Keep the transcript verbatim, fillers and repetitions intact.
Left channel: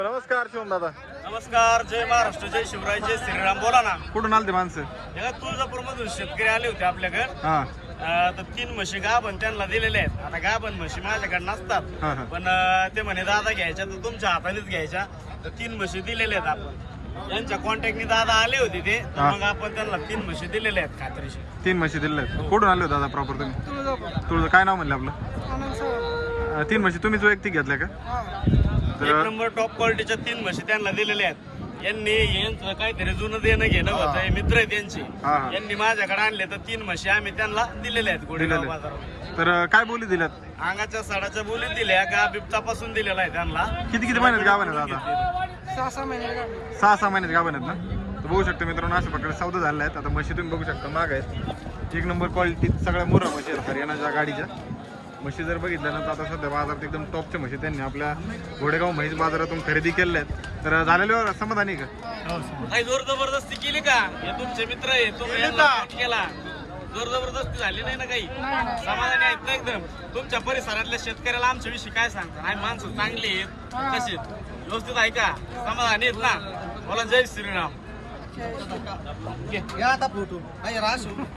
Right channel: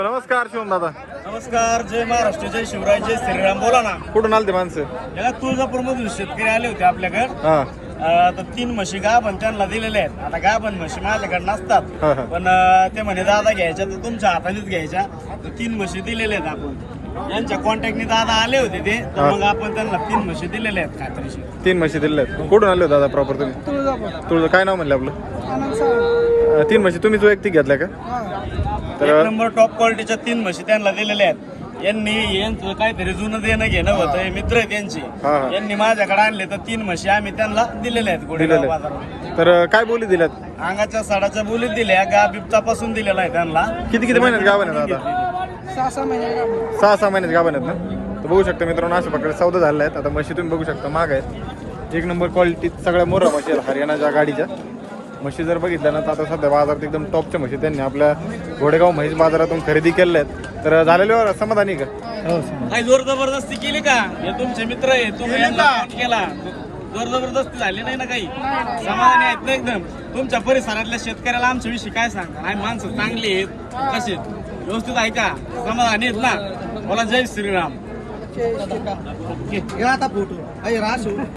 नमस्कार शिवम दादा. नमस्कार. जय महाराष्ट्र, जय शिवराय, जय श्रीराम. बोला ना. कुठून आले ते माणसं? या तुळजापूर मधून शेतकरी आले होते आपल्याकडे. हा तर तीन म्हशी गाभण त्यांना दिलेल्या आहेत. आता गाभण म्हशी माझ्याकडे नसतात, हा, हा. पण अं, ते म्हणे दादा घ्यायच्या तर तुमच्या हातानेच घ्यायच्या. तर तीन म्हशी दिलेल्या आहेत आपण. यांच्या कॉन्टॅक्टने दादा आले होते ते, तर हा. मग आपण त्यांना तीन म्हशी दिलेल्या आहेत खात्रीशी. तीन म्हशी दिलेल्या आहेत. कुठून आले होते दादा प्रॉपर तुम्ही? तुळजापूर. तुझं काय नाव म्हणलं आपलं? आनंद सावंत. अं, तीन म्हशी तुम्हीच वैयक्तिक घेतल्या का? हा. एक तर नंबर टॉप क्वालिटीच्या तीन म्हशी त्यांना दिलेल्या आहेत. यांनी यांचं काहीतरी जुनं देणं घेणं होतं, मित्र आहेत यांचे. हा, हा. यांनी माझ्याकडे आणले तर तीन म्हशी आम्ही त्यांना दिलेल्या आहेत गोडेगाव दिलेल्या बाजारात. आहेत. तर अं, काय बोली दिल्यात? अंगाच्या साडाच्या बोलीत दिल्या. गा बिबतापासून दिलेला आहे त्यांना. किती किती महिन्यात गाभण आहेत दादा? सहा सहा महिने काढले. सहा सहा महिन्यात गाभण आहेत ना? तर बघू शकता मित्रांनो, अशा प्रकारे सौदा झालेला आहेत. आता म्हशी तुम्ही बघू शकता महाग आहेत. एक नंबर क्वालिटी सगळ्या मोरा म्हशी आहेत हरियाणाच्या गाडीच्या. म्हशी जर बघितल्या ना तर आता सध्या बाजारात एकदम टॉपच्या म्हशी त्यांनी आपल्या घोडेगाव म्हैस बाजारातून खरेदी केलेल्या आहेत. तर झालेल्यावर समाधानी का? काही जोर जबरदस्ती केली का? हे तुमचे मित्र आहे, तुम्ही यांना फोन केला, जोर जबरदस्ती झाली नाही ना काही? समाधानी आहेत ना एकदम? तुमच्या परिसरातल्या शेतकऱ्याला आमच्या विषयी काय सांगा? आणि माणसं चांगली आहेत, कशी आहेत? व्यवस्थित आहे का? समाधानी आहेत ना? बोला जय श्रीराम. घ्या आता फोटो.